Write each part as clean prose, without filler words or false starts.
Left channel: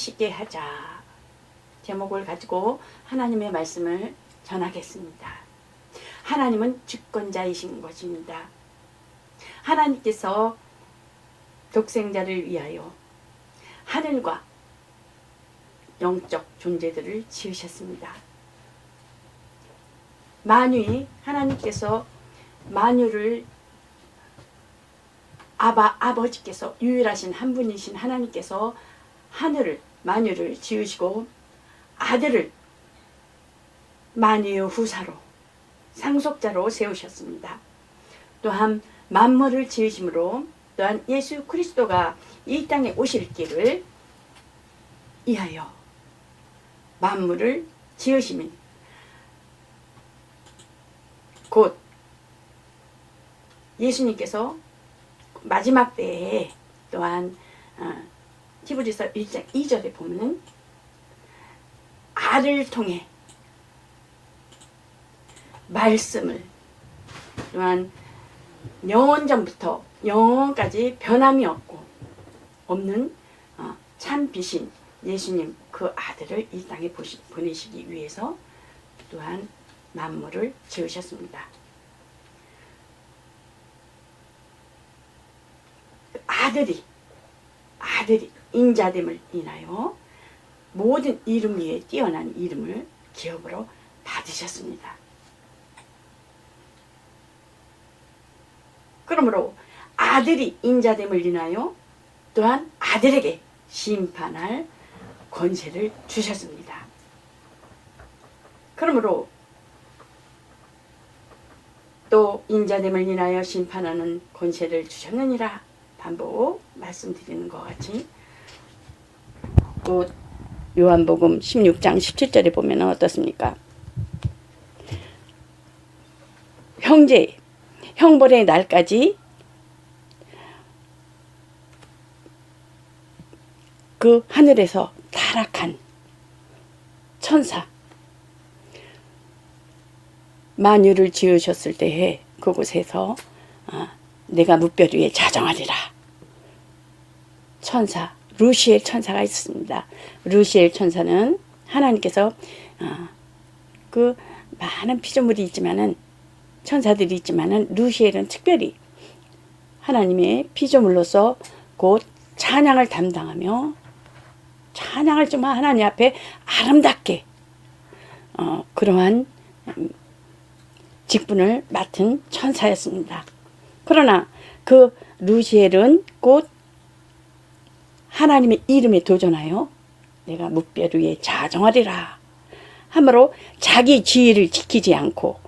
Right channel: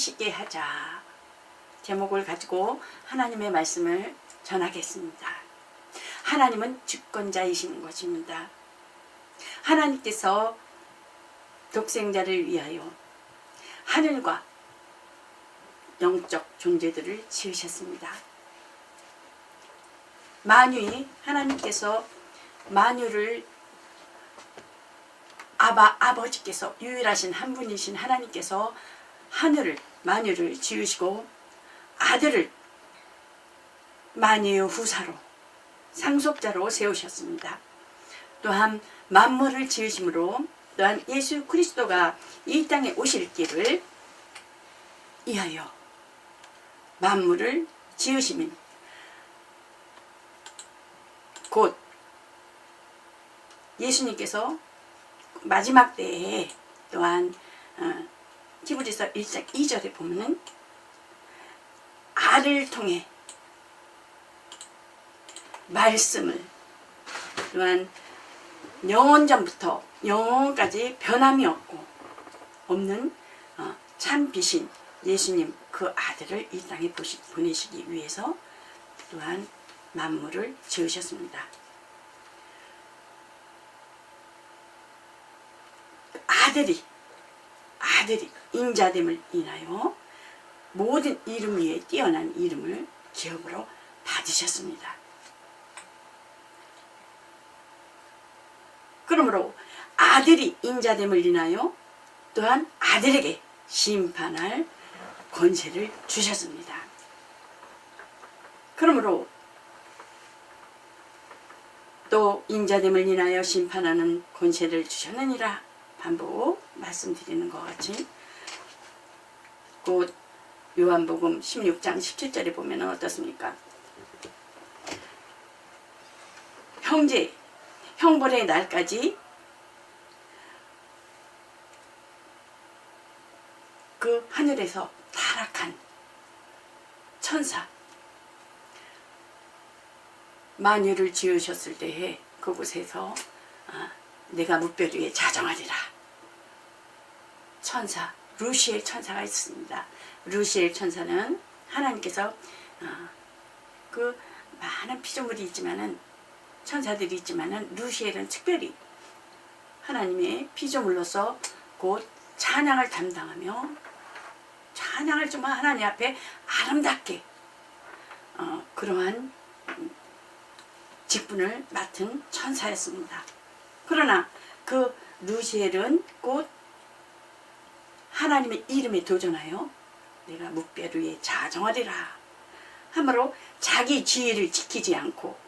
지으시게 하자. 제목을 가지고 하나님의 말씀을 전하겠습니다. 하나님은 주권자이신 것입니다. 하나님께서 독생자를 위하여 하늘과 영적 존재들을 지으셨습니다. 만유에 하나님께서 만유를 아버지께서 유일하신 한 분이신 하나님께서 하늘을 만유를 지으시고 아들을 만유의 후사로 상속자로 세우셨습니다. 또한 만물을 지으심으로 또한 예수 그리스도가 이 땅에 오실 길을 위하여 만물을 지으시면 곧 예수님께서 마지막 때에 또한 히브리서 1장 2절에 보면은 알을 통해 말씀을 또한 영원전부터 영원까지 변함이 없는 참 빛인 예수님 그 아들을 이 땅에 보내시기 위해서 또한 만물을 지으셨습니다. 아들이 인자됨을 인하여 모든 이름 위에 뛰어난 이름을 기업으로 받으셨습니다. 그러므로 아들이 인자됨을 인하여 또한 아들에게 심판할 권세를 주셨습니다. 그러므로 또 인자됨을 인하여 심판하는 권세를 주셨느니라 반복 말씀드리는 것 같이 요한복음 16장 17절에 보면 어떻습니까? 형벌의 날까지 그 하늘에서 타락한 천사 만유를 지으셨을 때에 그곳에서 내가 무별 위에 자정하리라. 천사 루시엘 천사가 있습니다. 루시엘 천사는 하나님께서 그 많은 피조물이 있지만은 천사들이 있지만은 루시엘은 특별히 하나님의 피조물로서 곧 찬양을 담당하며 찬양을 정말 하나님 앞에 아름답게 그러한 직분을 맡은 천사였습니다. 그러나 그 루시엘은 곧 하나님의 이름에 도전하여 내가 묵별 위에 자정하리라 하므로 자기 지위를 지키지 않고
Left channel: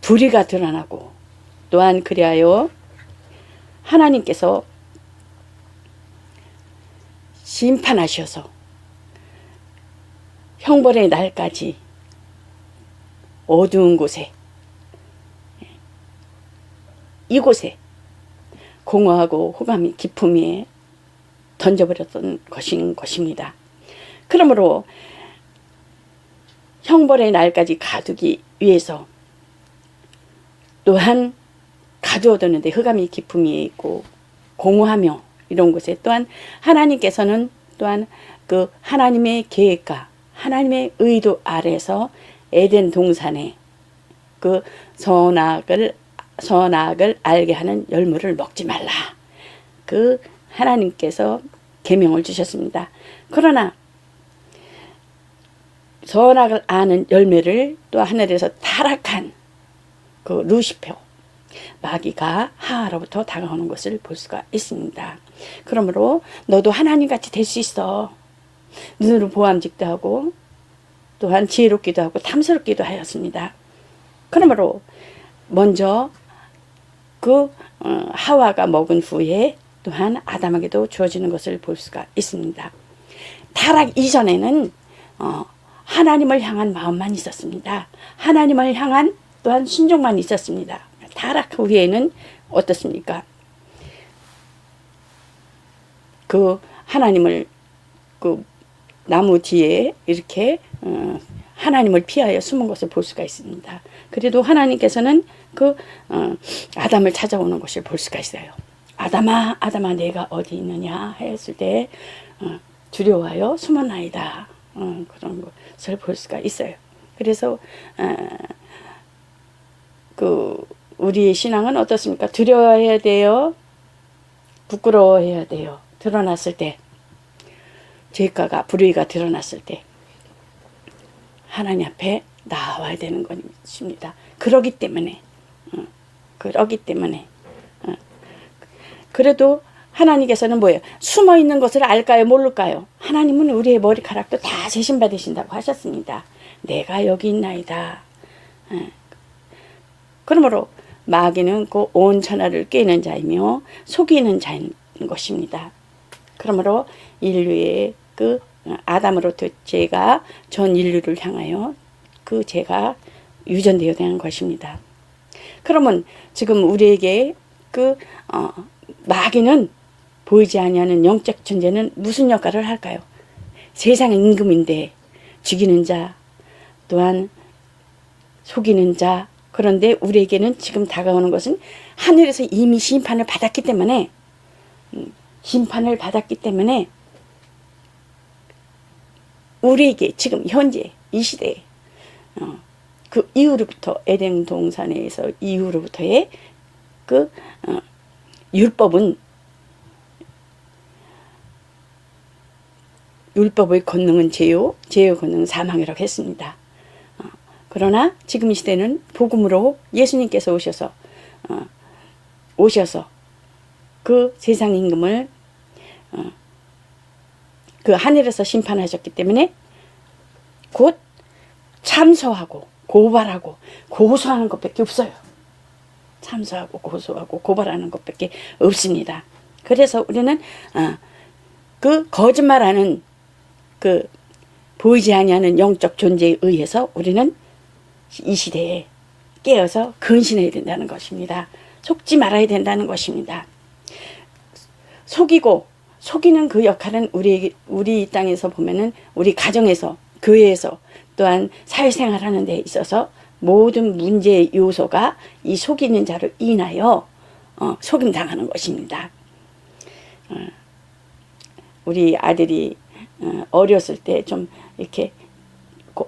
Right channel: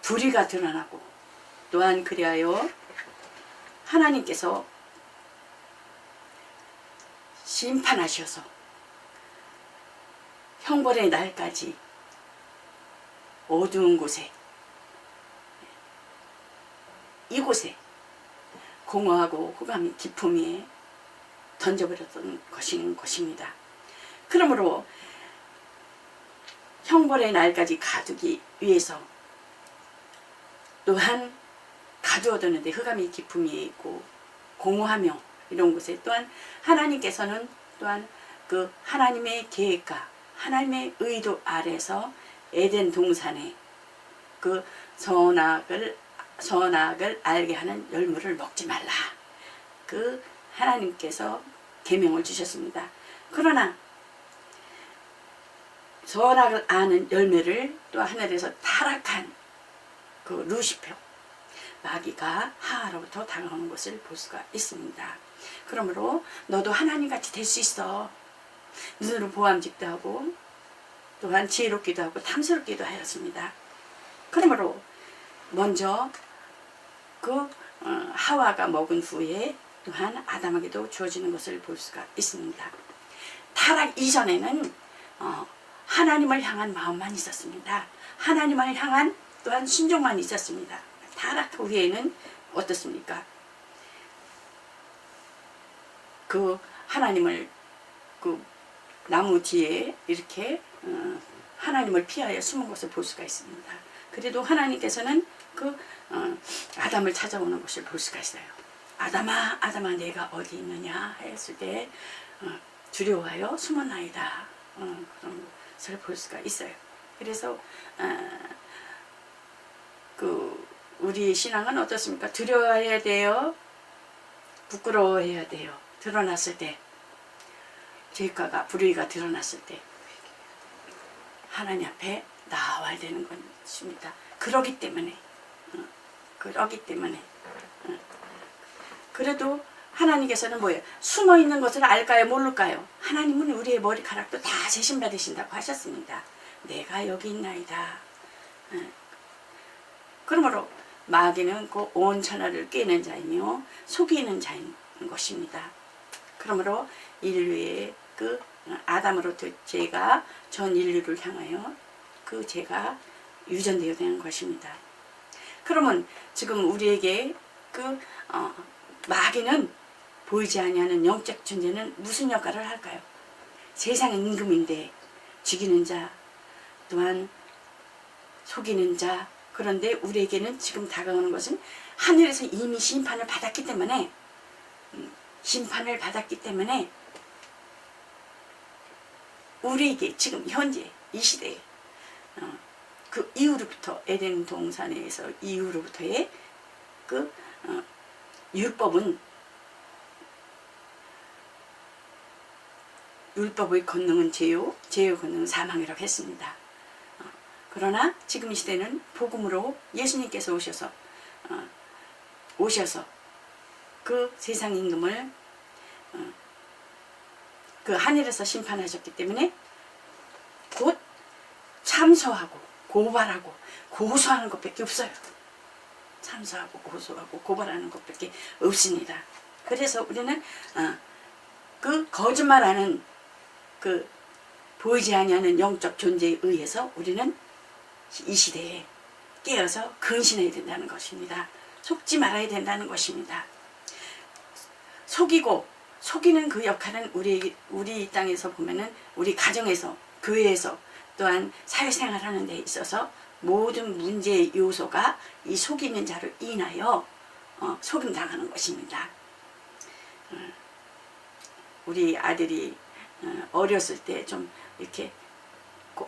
불의가 드러나고 또한 그리하여 하나님께서 심판하셔서 형벌의 날까지 어두운 곳에 이곳에 공허하고 호감이 깊음 위에 던져버렸던 것입니다. 그러므로 형벌의 날까지 가두기 위해서 또한 가두어두는데 흑암이 깊음 위에 있고 공허하며 이런 곳에 또한 하나님께서는 또한 그 하나님의 계획과 하나님의 의도 아래서 에덴 동산에 그 선악을 알게 하는 열매를 먹지 말라. 그 하나님께서 계명을 주셨습니다. 그러나 선악을 아는 열매를 또 하늘에서 타락한 그 루시퍼 마귀가 하하로부터 다가오는 것을 볼 수가 있습니다. 그러므로 너도 하나님같이 될 수 있어. 눈으로 보암직도 하고 또한 지혜롭기도 하고 탐스럽기도 하였습니다. 그러므로 먼저 그 하와가 먹은 후에 또한 아담에게도 주어지는 것을 볼 수가 있습니다. 타락 이전에는 하나님을 향한 마음만 있었습니다. 하나님을 향한 또한 순종만 있었습니다. 타락 후에는 어떻습니까? 그 하나님을 그 나무 뒤에 이렇게 하나님을 피하여 숨은 것을 볼 수가 있습니다. 그래도 하나님께서는 그 아담을 찾아오는 것을 볼 수가 있어요. 아담아, 아담아, 내가 어디 있느냐 했을 때 두려워하여 숨어나이다. 그런 것을 볼 수가 있어요. 그래서 우리의 신앙은 어떻습니까? 두려워해야 돼요. 부끄러워해야 돼요. 드러났을 때, 죄가가 불의가 드러났을 때 하나님 앞에 나와야 되는 것입니다. 그러기 때문에 그래도 하나님께서는 뭐예요? 숨어 있는 것을 알까요? 모를까요? 하나님은 우리의 머리카락도 다 재심 받으신다고 하셨습니다. 내가 여기 있나이다. 그러므로 마귀는 그 온 천하를 꿰는 자이며 속이는 자인 것입니다. 그러므로 인류의 그 아담으로부터 죄가 전 인류를 향하여 그 죄가 유전되어야 되는 것입니다. 그러면 지금 우리에게 마귀는 보이지 아니하는 영적 존재는 무슨 역할을 할까요? 세상의 임금인데 죽이는 자, 또한 속이는 자. 그런데 우리에게는 지금 다가오는 것은 하늘에서 이미 심판을 받았기 때문에 우리에게 지금 현재 이 시대에 그 이후로부터 에덴 동산에서 이후로부터의 율법의 권능은 죄요, 죄의 권능은 사망이라고 했습니다. 그러나 지금 이 시대는 복음으로 예수님께서 오셔서 그 세상 임금을 그 하늘에서 심판하셨기 때문에 곧 참소하고 고발하고 고소하는 것밖에 없어요. 참소하고 고소하고 고발하는 것밖에 없습니다. 그래서 우리는 그 거짓말하는 그 보이지 아니하는 영적 존재에 의해서 우리는 이 시대에 깨어서 근신해야 된다는 것입니다. 속지 말아야 된다는 것입니다. 속이는 그 역할은 우리 땅에서 보면은 우리 가정에서, 교회에서, 또한 사회생활하는 데 있어서 모든 문제의 요소가 이 속이는 자로 인하여 속임당하는 것입니다. 우리 아들이 어렸을 때 좀 이렇게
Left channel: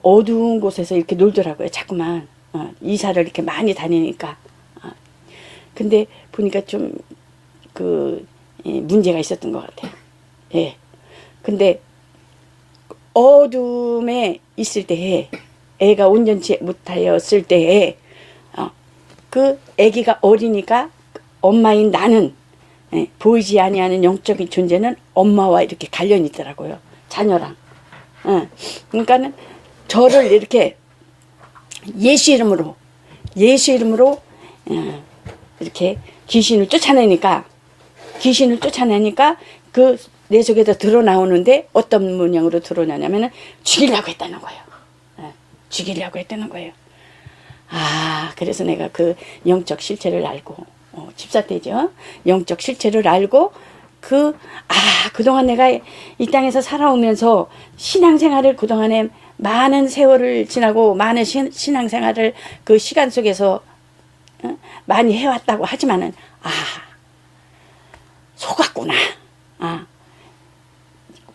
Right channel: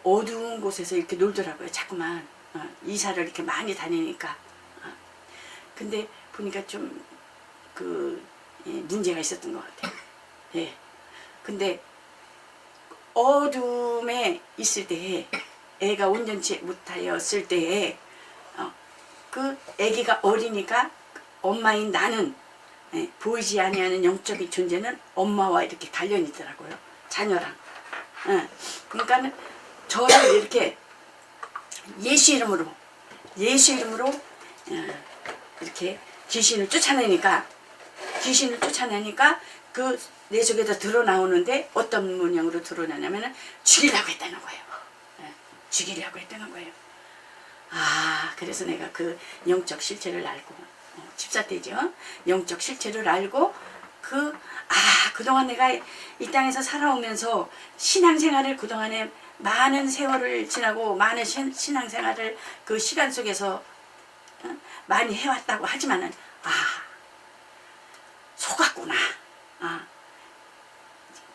어두운 곳에서 이렇게 놀더라고요. 자꾸만 이사를 이렇게 많이 다니니까. 근데 보니까 좀 문제가 있었던 것 같아요. 예. 근데 어둠에 있을 때에 애가 온전치 못하였을 때에 그 애기가 어리니까 엄마인 나는 보이지 아니하는 영적인 존재는 엄마와 이렇게 관련이 있더라고요. 자녀랑. 그러니까는 저를 이렇게 예수 이름으로 이렇게 귀신을 쫓아내니까 그 내 속에서 드러나오는데 어떤 모양으로 드러나냐면은 죽이려고 했다는 거예요. 그래서 내가 그 영적 실체를 알고 집사 때죠. 영적 실체를 알고 그동안 내가 이 땅에서 살아오면서 신앙생활을 그동안에 많은 세월을 지나고 많은 신앙생활을 그 시간 속에서 많이 해왔다고 하지만은 속았구나.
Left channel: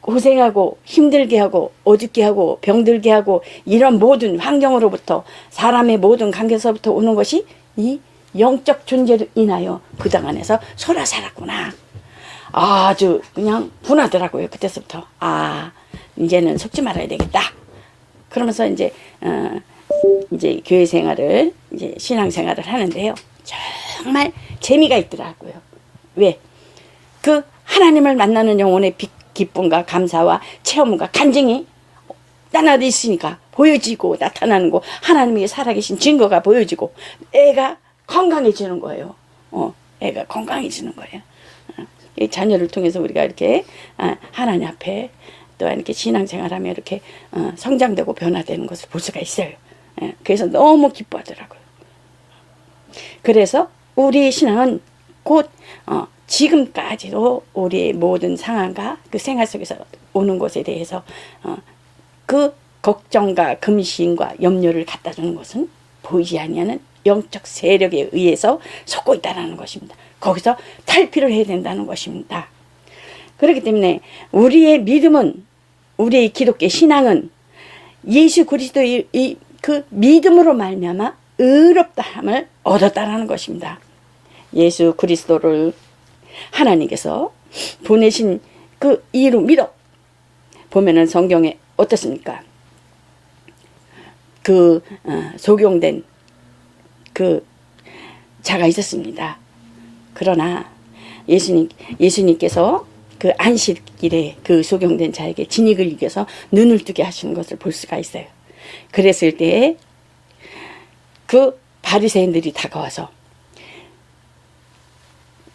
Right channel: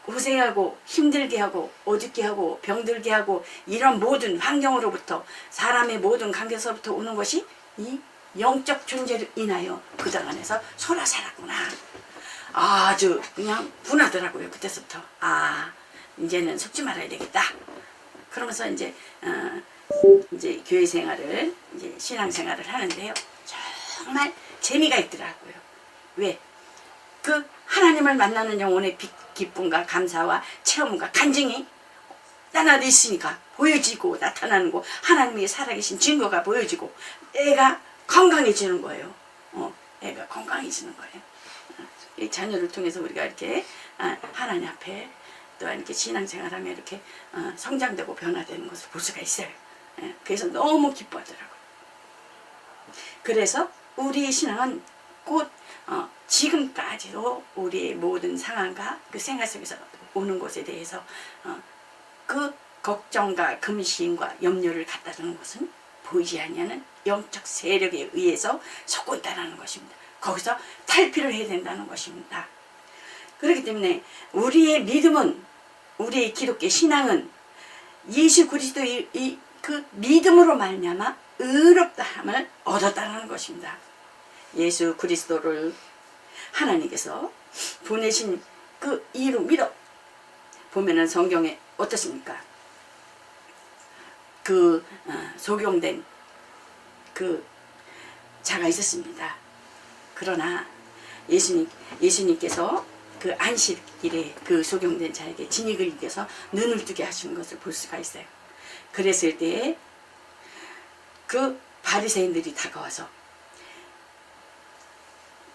고생하고 힘들게 하고 어둡게 하고 병들게 하고 이런 모든 환경으로부터 사람의 모든 관계에서부터 오는 것이 이 영적 존재를 인하여 그 당 안에서 소라 살았구나. 아주 그냥 분하더라고요. 그때서부터 이제는 속지 말아야 되겠다. 그러면서 이제 교회 생활을 이제 신앙 생활을 하는데요. 정말 재미가 있더라고요. 왜? 그 하나님을 만나는 영혼의 기쁨과 감사와 체험과 간증이 나나도 있으니까 보여지고 나타나는 거, 하나님의 살아계신 증거가 보여지고 애가 건강해지는 거예요. 애가 건강해지는 거예요. 이 자녀를 통해서 우리가 이렇게 하나님 앞에 또한 이렇게 신앙생활하며 이렇게 성장되고 변화되는 것을 볼 수가 있어요. 그래서 너무 기뻐하더라고요. 그래서 우리 신앙은 곧 지금까지도 우리의 모든 상황과 그 생활 속에서 오는 것에 대해서 그 걱정과 금신과 염려를 갖다 주는 것은 보이지 아니하는 영적 세력에 의해서 속고 있다는 것입니다. 거기서 탈피를 해야 된다는 것입니다. 그렇기 때문에 우리의 믿음은, 우리의 기독교 신앙은 예수 그리스도의 그 믿음으로 말미암아 의롭다함을 얻었다라는 것입니다. 예수 그리스도를 하나님께서 보내신 그 이로 믿어 보면은 성경에 어떻습니까? 그 소경된 그 자가 있었습니다. 그러나 예수님께서 그 안식일에 그 소경된 자에게 진익을 이겨서 눈을 뜨게 하시는 것을 볼 수가 있어요. 그랬을 때 그 바리새인들이 다가와서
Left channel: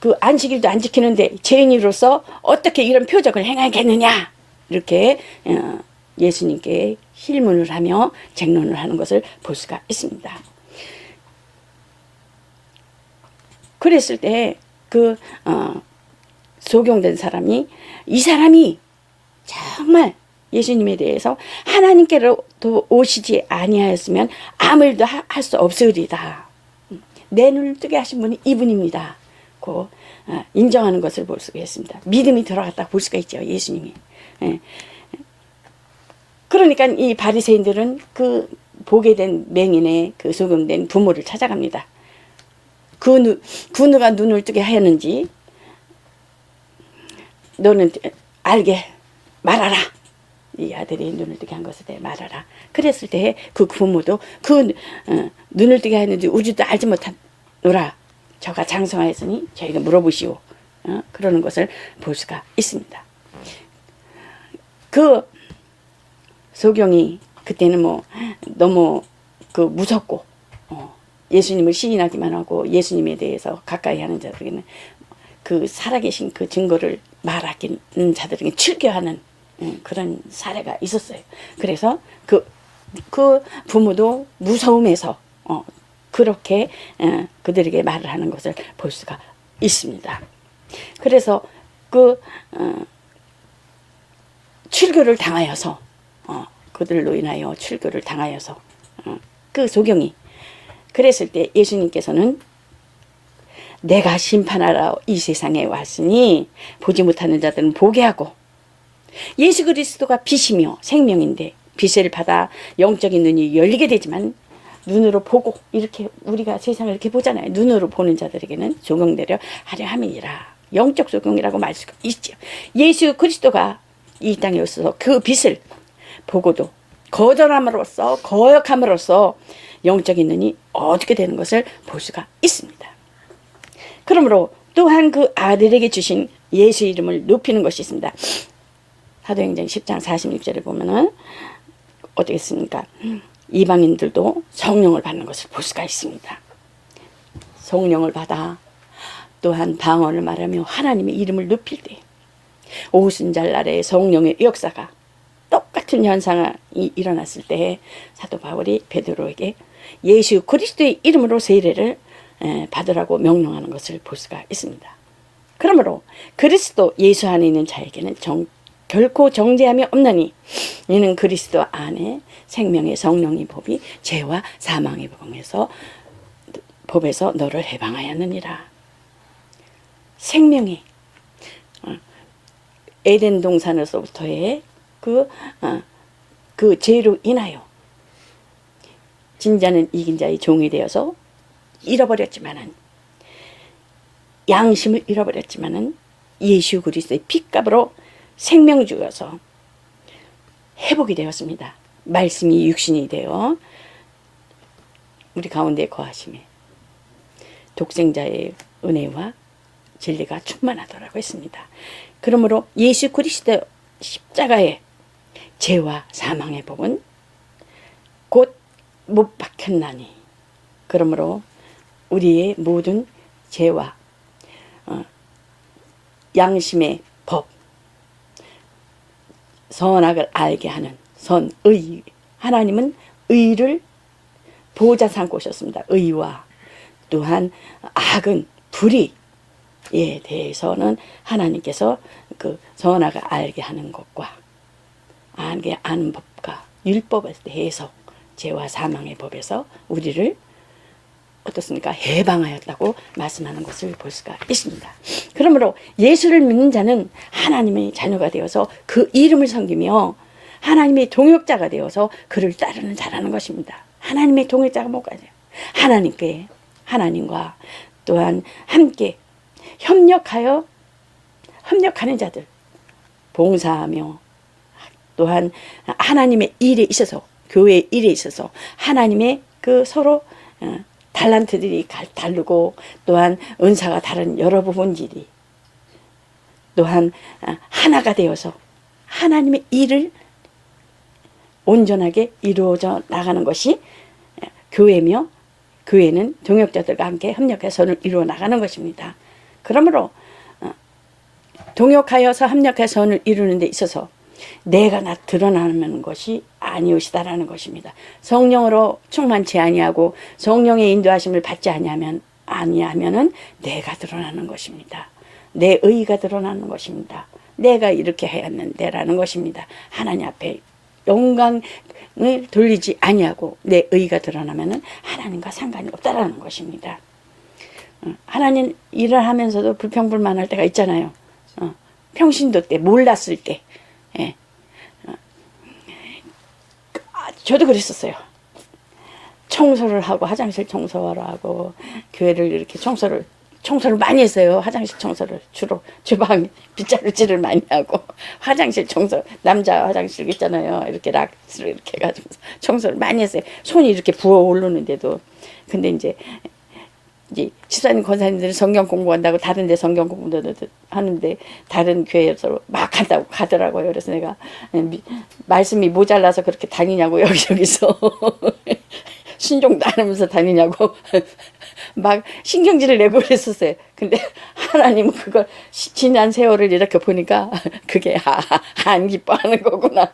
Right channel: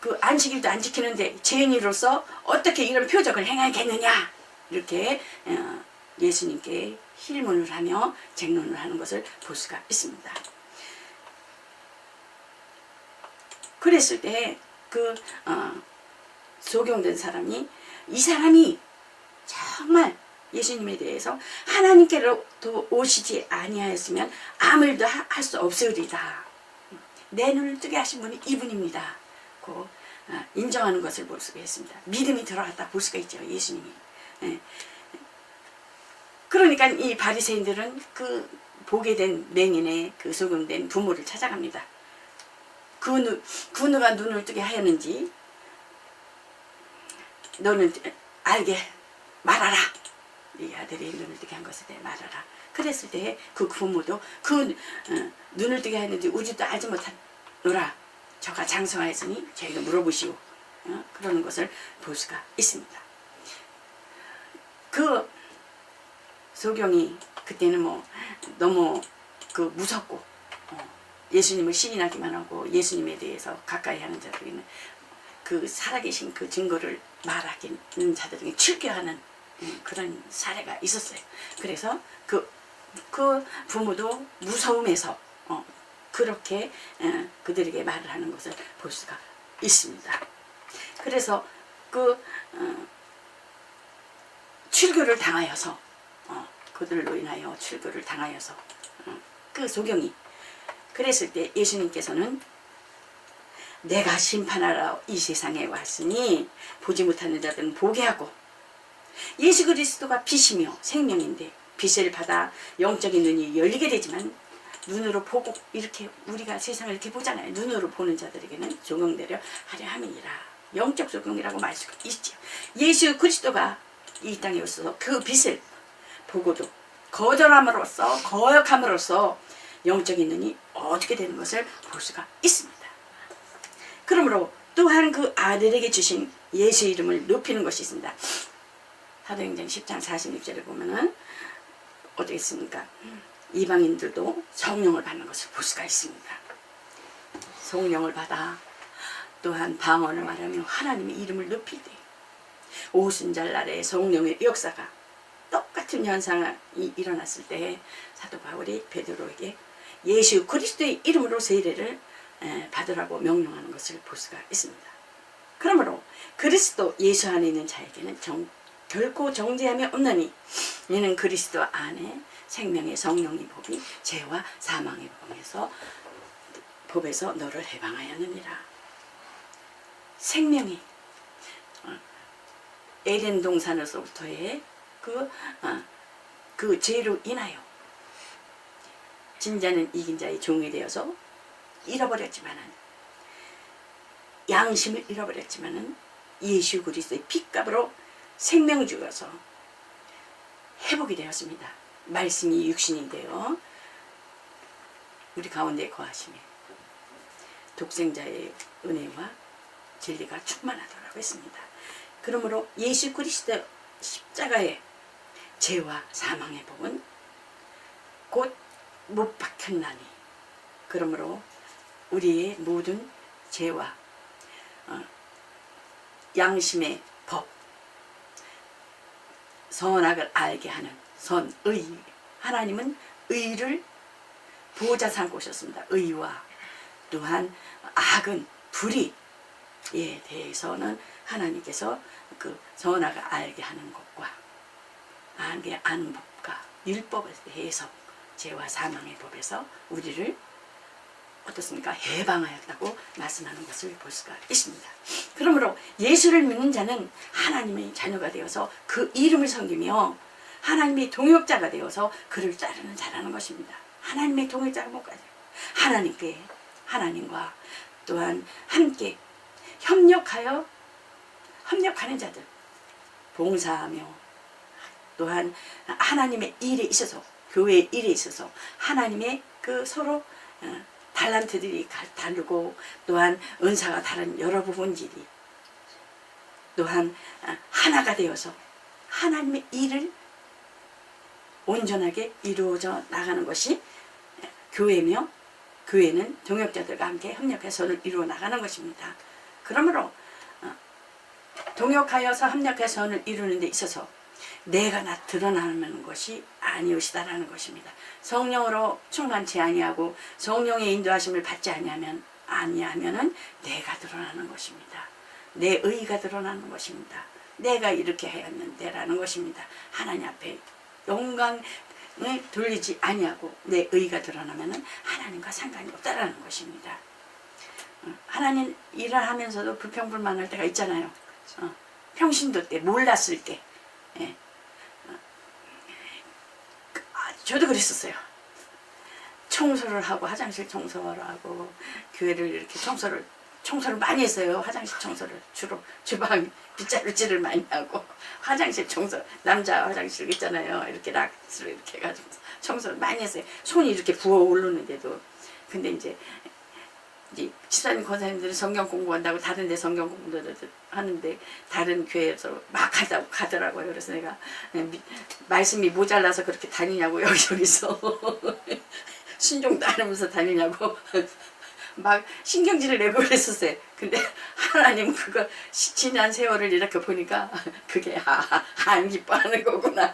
그 안식일도 안 지키는데 죄인으로서 어떻게 이런 표적을 행하겠느냐, 이렇게 예수님께 힐문을 하며 쟁론을 하는 것을 볼 수가 있습니다. 그랬을 때 그 소경된 사람이, 이 사람이 정말 예수님에 대해서 하나님께로도 오시지 아니하였으면 아무 일도 할 수 없으리다. 내 눈을 뜨게 하신 분이 이분입니다. 고 인정하는 것을 볼 수가 있습니다. 믿음이 들어갔다 볼 수가 있죠, 예수님이. 그러니까 이 바리새인들은 그 보게 된 맹인의 그 소경된 부모를 찾아갑니다. 그 누가 눈을 뜨게 하였는지 너는 알게 말하라. 이 아들이 눈을 뜨게 한 것에 대해 말하라. 그랬을 때 그 부모도 그 눈을 뜨게 하였는지 우리도 알지 못하노라. 저가 장성하였으니 저희가 물어보시오. 그러는 것을 볼 수가 있습니다. 그 소경이 그때는 뭐 너무 그 무섭고 예수님을 시인하기만 하고 예수님에 대해서 가까이 하는 자들에게는 그 살아계신 그 증거를 말하기는 자들에게 출교하는 그런 사례가 있었어요. 그래서 그 부모도 무서움에서 그렇게 그들에게 말을 하는 것을 볼 수가 있습니다. 그래서 그 출교를 당하여서 그들로 인하여 출교를 당하여서 그 소경이 그랬을 때 예수님께서는 내가 심판하러 이 세상에 왔으니 보지 못하는 자들은 보게 하고, 예수 그리스도가 빛이며 생명인데 빛을 받아 영적인 눈이 열리게 되지만 눈으로 보고, 이렇게 우리가 세상을 이렇게 보잖아요. 눈으로 보는 자들에게는 조경되려 하려 함이니라. 영적 조경이라고 말 수가 있죠. 예수 그리스도가 이 땅에 오셔서 그 빛을 보고도 거절함으로써, 거역함으로써 영적인 눈이 어둡게 되는 것을 볼 수가 있습니다. 그러므로 또한 그 아들에게 주신 예수 이름을 높이는 것이 있습니다. 사도행전 10장 46절에 보면은 어떻게 했습니까? 이방인들도 성령을 받는 것을 볼 수가 있습니다. 성령을 받아 또한 방언을 말하며 하나님의 이름을 높일 때 오순절날에 성령의 역사가 똑같은 현상이 일어났을 때 사도 바울이 베드로에게 예수 그리스도의 이름으로 세례를 받으라고 명령하는 것을 볼 수가 있습니다. 그러므로 그리스도 예수 안에 있는 자에게는 결코 정죄함이 없나니 이는 그리스도 안에 생명의 성령의 법이 죄와 사망의 법에서 너를 해방하였느니라. 생명이 에덴 동산에서부터의 그 죄로 인하여 진자는 이긴 자의 종이 되어서 잃어버렸지만은, 양심을 잃어버렸지만은 예수 그리스도의 핏값으로 생명 주어서 회복이 되었습니다. 말씀이 육신이 되어 우리 가운데 거하심에 독생자의 은혜와 진리가 충만하더라고 했습니다. 그러므로 예수 그리스도 십자가의 죄와 사망의 법은 곧 못 박혔나니, 그러므로 우리의 모든 죄와 양심의 법, 선악을 알게 하는 선의, 하나님은 의를 보호자 삼고 오셨습니다. 의와 또한 악은 불의에 대해서는 하나님께서 그 선악을 알게 하는 것과 알게 아는 법과 율법에 대해서 죄와 사망의 법에서 우리를 어떻습니까? 해방하였다고 말씀하는 것을 볼 수가 있습니다. 그러므로 예수를 믿는 자는 하나님의 자녀가 되어서 그 이름을 섬기며 하나님의 동역자가 되어서 그를 따르는 자라는 것입니다. 하나님의 동역자가 뭐까지? 하나님과 또한 함께 협력하는 자들, 봉사하며 또한 하나님의 일에 있어서, 교회의 일에 있어서 하나님의 그 서로 달란트들이 다르고 또한 은사가 다른 여러 부분들이 또한 하나가 되어서 하나님의 일을 온전하게 이루어져 나가는 것이 교회며, 교회는 동역자들과 함께 협력해서 이루어 나가는 것입니다. 그러므로 동역하여서 협력해서 이루는 데 있어서 내가 드러나는 것이 아니오시다라는 것입니다. 성령으로 충만치 아니하고 성령의 인도하심을 받지 아니하면은 내가 드러나는 것입니다. 내 의가 드러나는 것입니다. 내가 이렇게 해야하는데라는 것입니다. 하나님 앞에 영광을 돌리지 아니하고 내 의가 드러나면은 하나님과 상관이 없다라는 것입니다. 하나님 일을 하면서도 불평불만할 때가 있잖아요. 평신도 때, 몰랐을 때. 예. 저도 그랬었어요. 청소를 하고, 화장실 청소를 하고, 교회를 이렇게 청소를 많이 했어요. 화장실 청소를 주로 주방 빗자루질을 많이 하고 화장실 청소, 남자 화장실 있잖아요. 이렇게 락스로 이렇게 해가지고 청소를 많이 했어요. 손이 이렇게 부어 오르는데도. 근데 이제 집사님 권사님들은 성경 공부한다고 다른 데 성경 공부도 하는데 다른 교회에서 막 한다고 가더라고요. 그래서 내가 말씀이 모자라서 그렇게 다니냐고 여기저기서 순종도 안 하면서 다니냐고 막 신경질을 내고 그랬었어요. 근데 하나님은 그걸 지난 세월을 이렇게 보니까 그게 안 기뻐하는 거구나.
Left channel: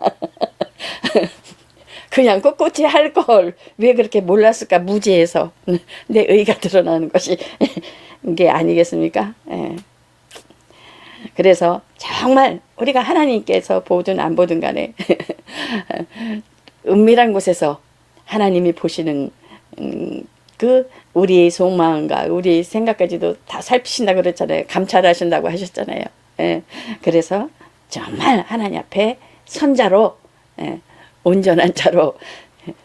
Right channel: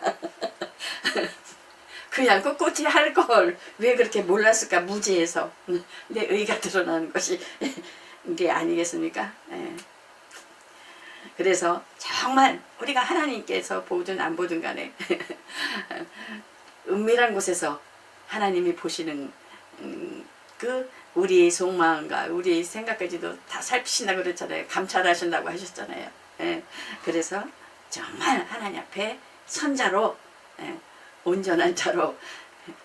그냥 꿋꿋이 할 걸 왜 그렇게 몰랐을까, 무지해서. 내 의가 드러나는 것이 이게 아니겠습니까? 예. 그래서 정말 우리가 하나님께서 보든 안 보든 간에 은밀한 곳에서 하나님이 보시는 그 우리의 속마음과 우리의 생각까지도 다 살피신다고 그랬잖아요. 감찰하신다고 하셨잖아요. 예. 그래서 정말 하나님 앞에 선자로, 온전한 자로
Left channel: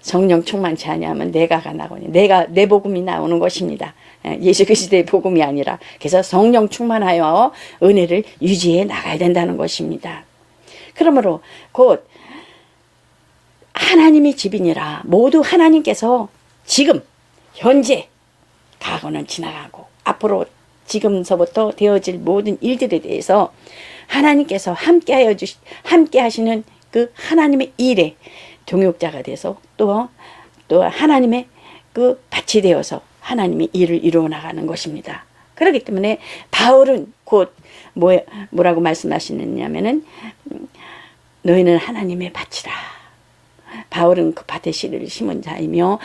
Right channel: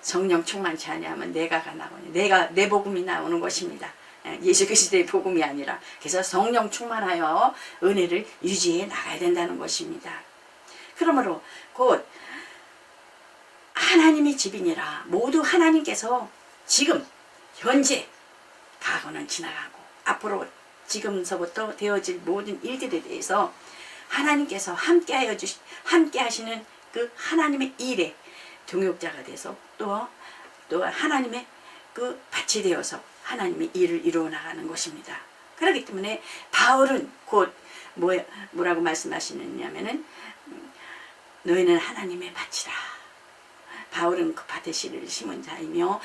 성령 충만치 아니하면 내가 나오니 내 복음이 나오는 것입니다. 예수 그리스도의 복음이 아니라. 그래서 성령 충만하여 은혜를 유지해 나가야 된다는 것입니다. 그러므로 곧 하나님의 집이니라. 모두 하나님께서 지금 현재 과거는 지나가고 앞으로 지금서부터 되어질 모든 일들에 대해서 하나님께서 함께 하시는 그 하나님의 일에 동역자가 돼서 또 하나님의 그 밭이 되어서 하나님의 일을 이루어 나가는 것입니다. 그렇기 때문에 바울은 곧 뭐라고 말씀하시느냐면은 너희는 하나님의 밭이라. 바울은 그 밭에 씨를 심은 자이며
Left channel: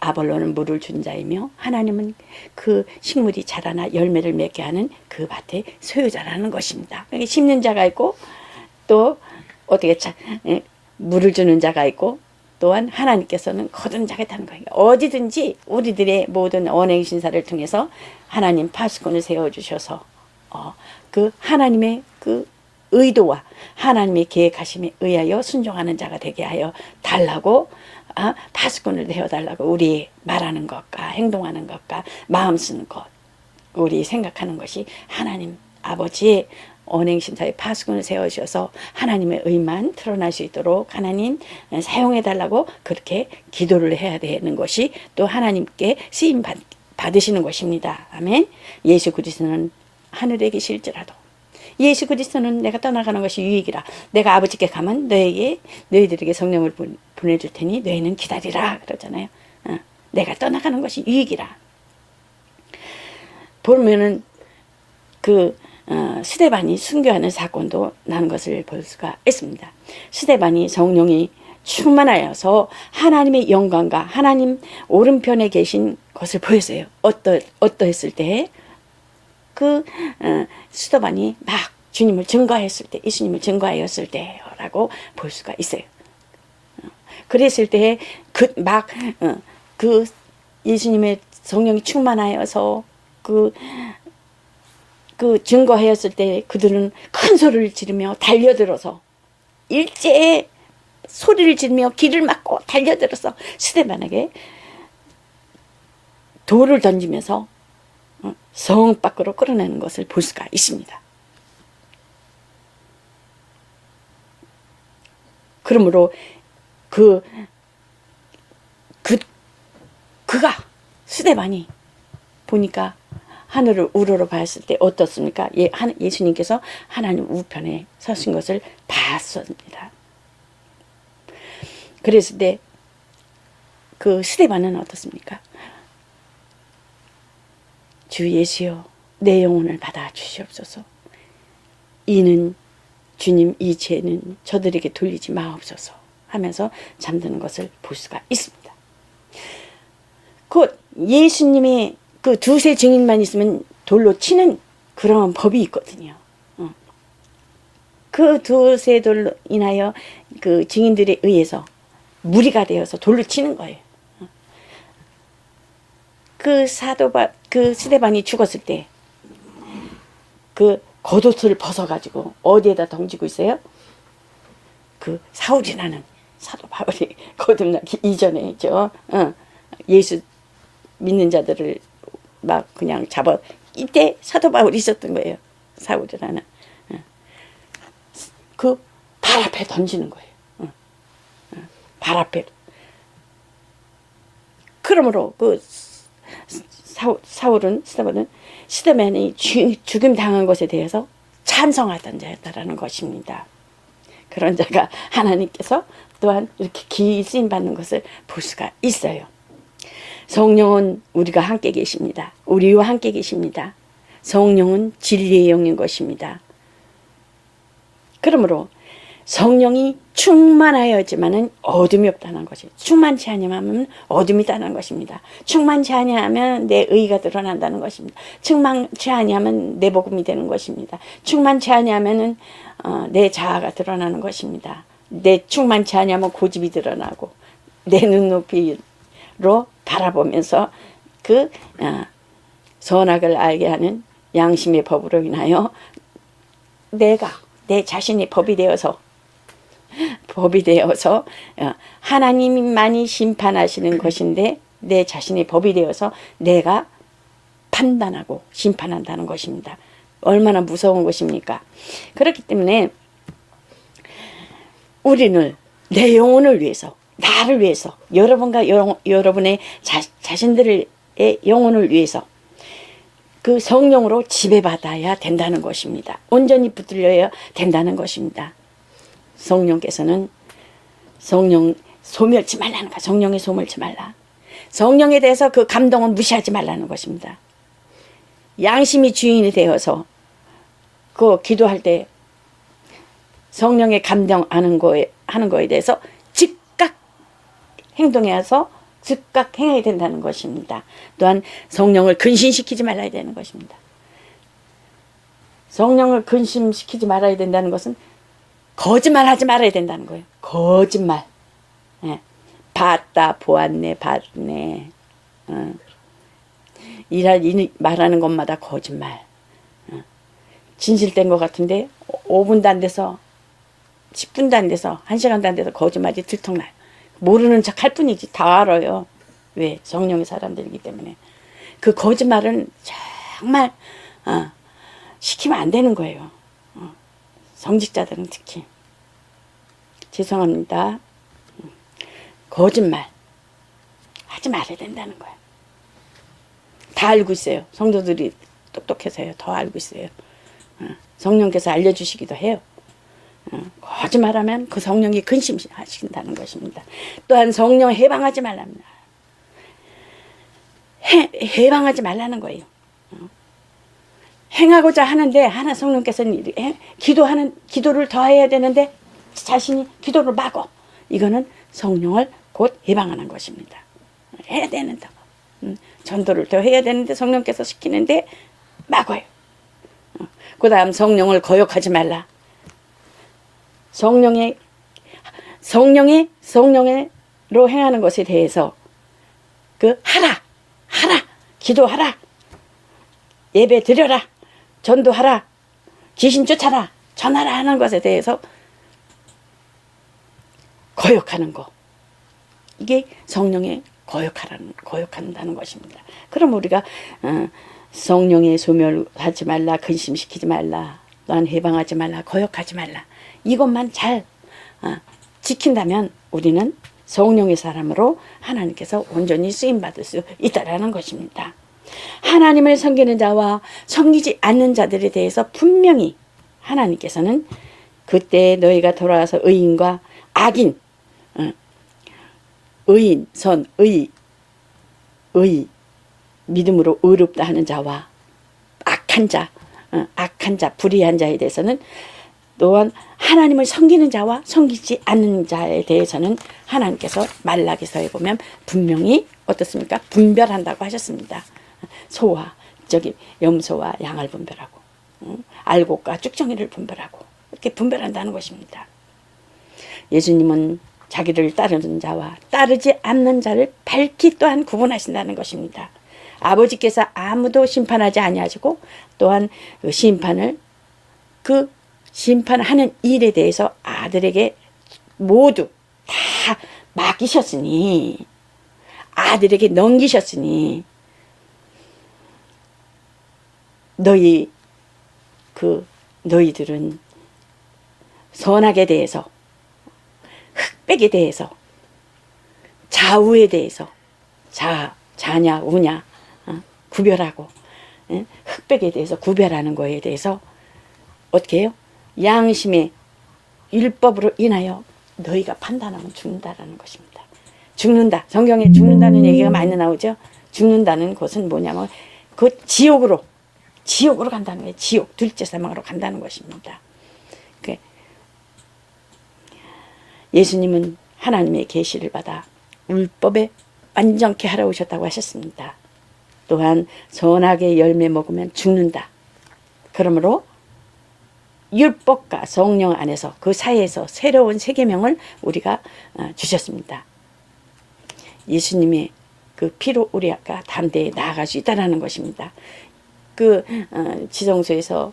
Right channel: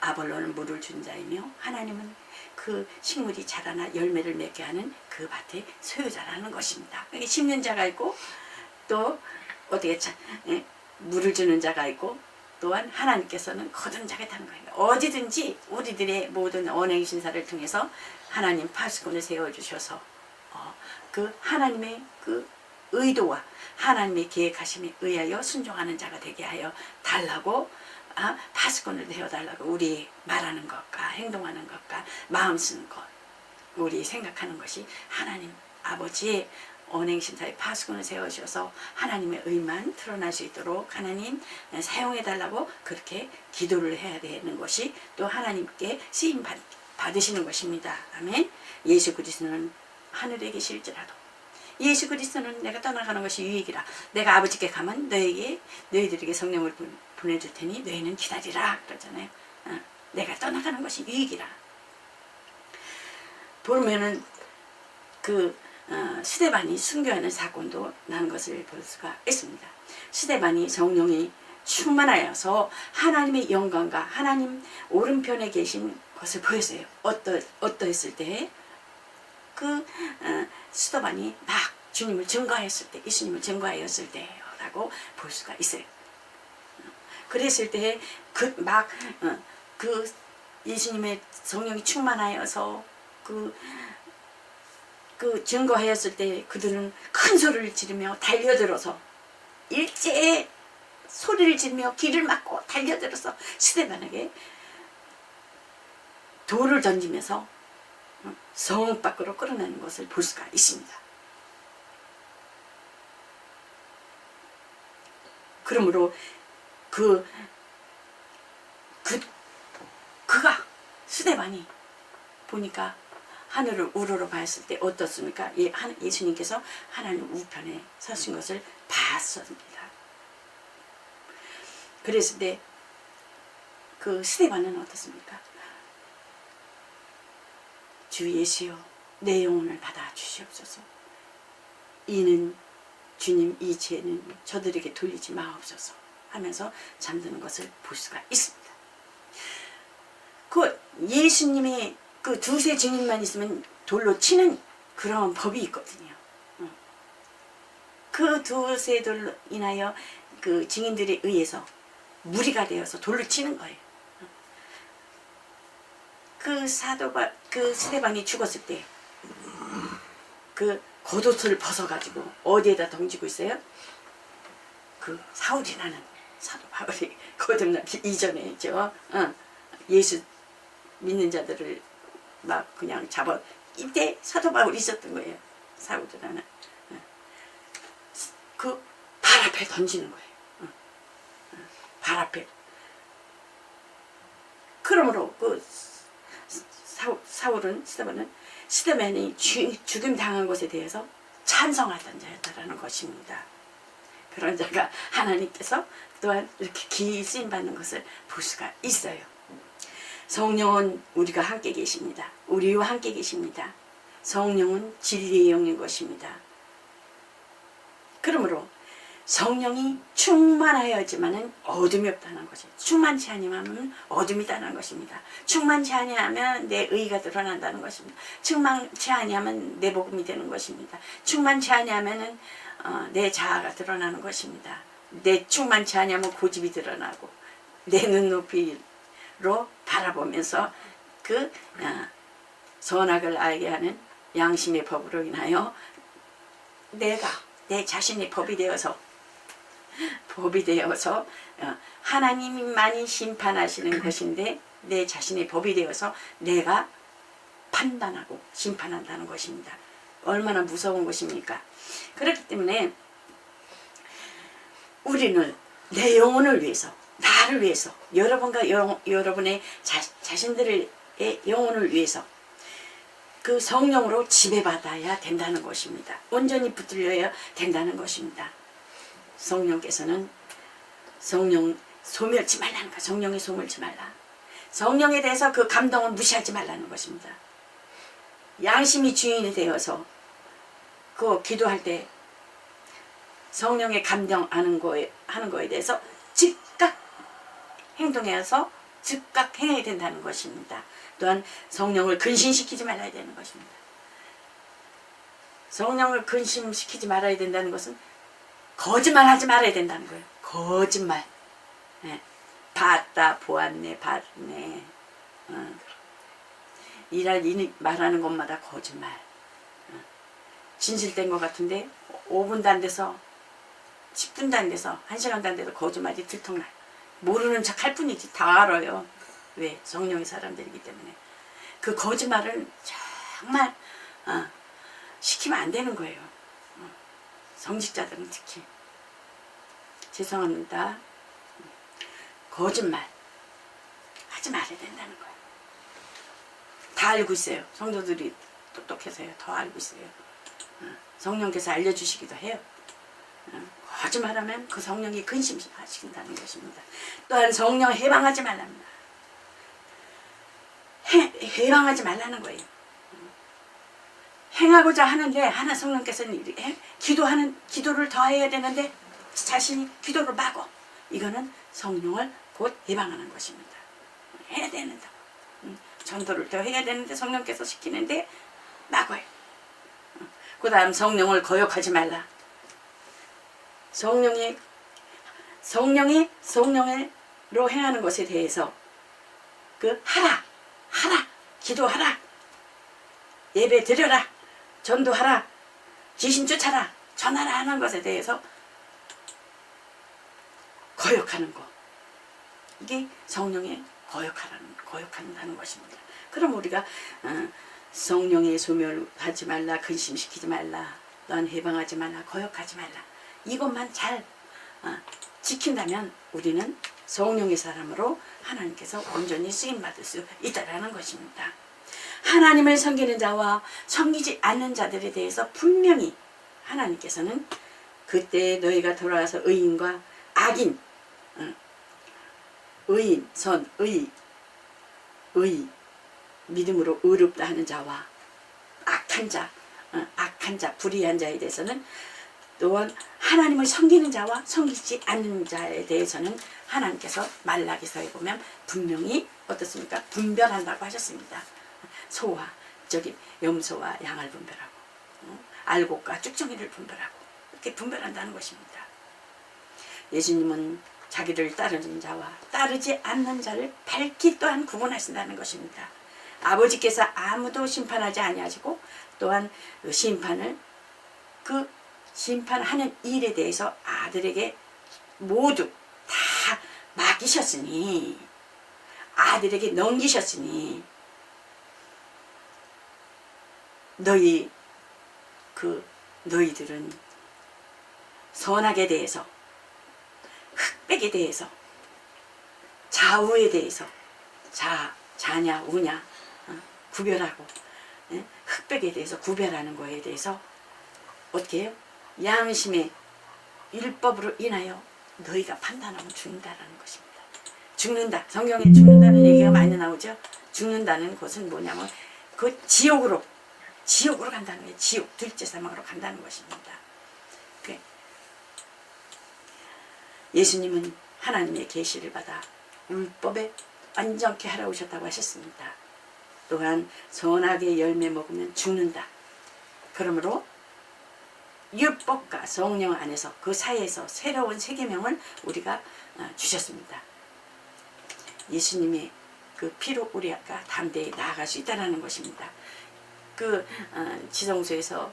아볼로는 물을 준 자이며 하나님은 그 식물이 자라나 열매를 맺게 하는 그 밭의 소유자라는 것입니다. 심는 자가 있고 또 어떻게 물을 주는 자가 있고 또한 하나님께서는 거둔 자가 있다는 거예요. 어디든지 우리들의 모든 언행 신사를 통해서 하나님 파수꾼을 세워주셔서 그 하나님의 그 의도와 하나님의 계획하심에 의하여 순종하는 자가 되게 하여 달라고 파수꾼을 되어달라고 우리 말하는 것과 행동하는 것과 마음 쓰는 것, 우리 생각하는 것이 하나님 아버지의 언행신사의 파수꾼을 세워주셔서 하나님의 의만 드러날 수 있도록 하나님 사용해달라고 그렇게 기도를 해야 되는 것이 또 하나님께 쓰임 받으시는 것입니다. 아멘. 예수 그리스도는 하늘에 계실지라도 예수 그리스도는 내가 떠나가는 것이 유익이라. 내가 아버지께 가면 너희들에게 성령을 보내줄 테니 너희는 기다리라 그러잖아요. 내가 떠나가는 것이 유익이라. 보면은 스데반이 순교하는 사건도 난 것을 볼 수가 있습니다. 스데반이 성령이 충만하여서 하나님의 영광과 하나님 오른편에 계신 것을 보였어요. 어떠했을 때? 스데반이 막 주님을 증거했을 때, 예수님을 증거하였을 때라고 볼 수가 있어요. 그랬을 때 예수님의 성령이 충만하여서 그 증거하였을 때 그들은 큰 소리를 지르며 달려들어서 일제에 소리를 지르며 길을 막고 달려들어서 스데반에게 돌을 던지면서 성 밖으로 끌어내는 것을 볼 수가 있습니다. 그러므로 그가 스데반이 보니까 하늘을 우러러 봤을 때 어떻습니까? 예수님께서 하나님 우편에 서신 것을 봤습니다. 그랬을 때 그 스데반은 어떻습니까? 주 예수여, 내 영혼을 받아 주시옵소서. 이는 주님, 이 죄는 저들에게 돌리지 마옵소서 하면서 잠드는 것을 볼 수가 있습니다. 그 예수님의 그 두세 증인만 있으면 돌로 치는 그런 법이 있거든요. 그 두세 돌로 인하여 그 증인들에 의해서 무리가 되어서 돌로 치는 거예요. 그 스데반이 죽었을 때 그 겉옷을 벗어가지고 어디에다 던지고 있어요? 그 사울이라는 사도 바울이 거듭나기 이전에죠. 예수 믿는 자들을 막 그냥 잡아, 이때 사도 바울이 있었던 거예요. 사울이라는 그 발 앞에 던지는 거예요. 발 앞에. 그러므로 그 스데반이 죽임 당한 것에 대해서 찬성하던 자였다라는 것입니다. 그런 자가 하나님께서 또한 이렇게 기이 쓰임 받는 것을 볼 수가 있어요. 성령은 우리가 함께 계십니다. 우리와 함께 계십니다. 성령은 진리의 영인 것입니다. 그러므로 성령이 충만하여야지만은 어둠이 없다는 것이, 충만치 아니하면 어둠이 있다는 것입니다. 충만치 아니하면 내 의가 드러난다는 것입니다. 충만치 아니하면 내 복음이 되는 것입니다. 충만치 아니하면은 내 자아가 드러나는 것입니다. 내 충만치 아니하면 고집이 드러나고 내 눈높이로 바라보면서 선악을 알게 하는 양심의 법으로 인하여 내가 내 자신의 법이 되어서 하나님만이 심판하시는 것인데 내 자신의 법이 되어서 내가 판단하고 심판한다는 것입니다. 얼마나 무서운 것입니까? 그렇기 때문에 우리는 내 영혼을 위해서, 나를 위해서, 여러분과 여러분의 자신들의 영혼을 위해서 그 성령으로 지배받아야 된다는 것입니다. 온전히 붙들려야 된다는 것입니다. 성령께서는 성령 소멸치 말라는 거, 성령의 소멸치 말라. 성령에 대해서 그 감동을 무시하지 말라는 것입니다. 양심이 주인이 되어서 그 기도할 때 성령의 감동하는 하는 거에 대해서 즉각 행동해서 즉각 행해야 된다는 것입니다. 또한 성령을 근심시키지 말아야 되는 것입니다. 성령을 근심시키지 말아야 된다는 것은 거짓말하지 말아야 된다는 거예요. 거짓말. 봤다, 보았네, 봤네. 말하는 것마다 거짓말. 진실된 것 같은데 5분도 안 돼서 10분도 안 돼서 1시간도 안 돼서 거짓말이 들통나요. 모르는 척 할 뿐이지 다 알아요. 왜? 성령의 사람들이기 때문에. 그 거짓말은 정말 시키면 안 되는 거예요. 성직자들은 특히. 죄송합니다. 거짓말 하지 말아야 된다는 거예요. 다 알고 있어요. 성도들이 똑똑해서요. 더 알고 있어요. 성령께서 알려주시기도 해요. 거짓말하면 그 성령이 근심하신다는 것입니다. 또한 성령 해방하지 말랍니다. 해방하지 말라는 거예요. 행하고자 하는데 하나 성령께서는 기도를 더 해야 되는데 자신이 기도를 막어. 이거는 성령을 곧 해방하는 것입니다. 해야 된다고. 전도를 더 해야 되는데 성령께서 시키는데 막어요. 그 다음 성령을 거역하지 말라. 성령으로 행하는 것에 대해서 하라. 기도하라, 예배 드려라, 전도하라, 귀신 쫓아라, 전하라 하는 것에 대해서 거역하는 거. 이게 성령의 거역한다는 것입니다. 그럼 우리가 성령의 소멸하지 말라, 근심시키지 말라, 또한 해방하지 말라, 거역하지 말라, 이것만 잘 지킨다면 우리는 성령의 사람으로 하나님께서 온전히 쓰임받을 수 있다라는 것입니다. 하나님을 섬기는 자와 섬기지 않는 자들에 대해서 분명히 하나님께서는 그때 너희가 돌아와서 의인과 악인, 의인, 선, 의, 믿음으로 의롭다 하는 자와 악한 자, 불의한 자에 대해서는, 또한 하나님을 섬기는 자와 섬기지 않는 자에 대해서는 하나님께서 말라기서에 보면 분명히 어떻습니까? 분별한다고 하셨습니다. 소와 염소와 양을 분별하고, 알곡과 쭉정이를 분별하고, 이렇게 분별한다는 것입니다. 예수님은 자기를 따르는 자와 따르지 않는 자를 밝히 또한 구분하신다는 것입니다. 아버지께서 아무도 심판하지 아니하시고, 또한 그 심판하는 일에 대해서 아들에게 모두 다 맡기셨으니, 아들에게 넘기셨으니, 너희들은 선악에 대해서, 흑백에 대해서, 좌우에 대해서, 자냐 우냐 구별하고, 흑백에 대해서 구별하는 거에 대해서 어떻게 해요? 양심의 율법으로 인하여 너희가 판단하면 죽는다라는 것입니다. 죽는다. 성경에 죽는다는 얘기가 많이 나오죠. 죽는다는 것은 뭐냐면 그 지옥으로 간다는 거예요. 지옥, 둘째 사망으로 간다는 것입니다. 예수님은 하나님의 계시를 받아 율법에 완전케 하러 오셨다고 하셨습니다. 또한 선악의 열매 먹으면 죽는다. 그러므로 율법과 성령 안에서 그 사이에서 새로운 세계명을 우리가 주셨습니다. 예수님의 그 피로 우리가 담대히 나아갈 수 있다는 것입니다. 지성소에서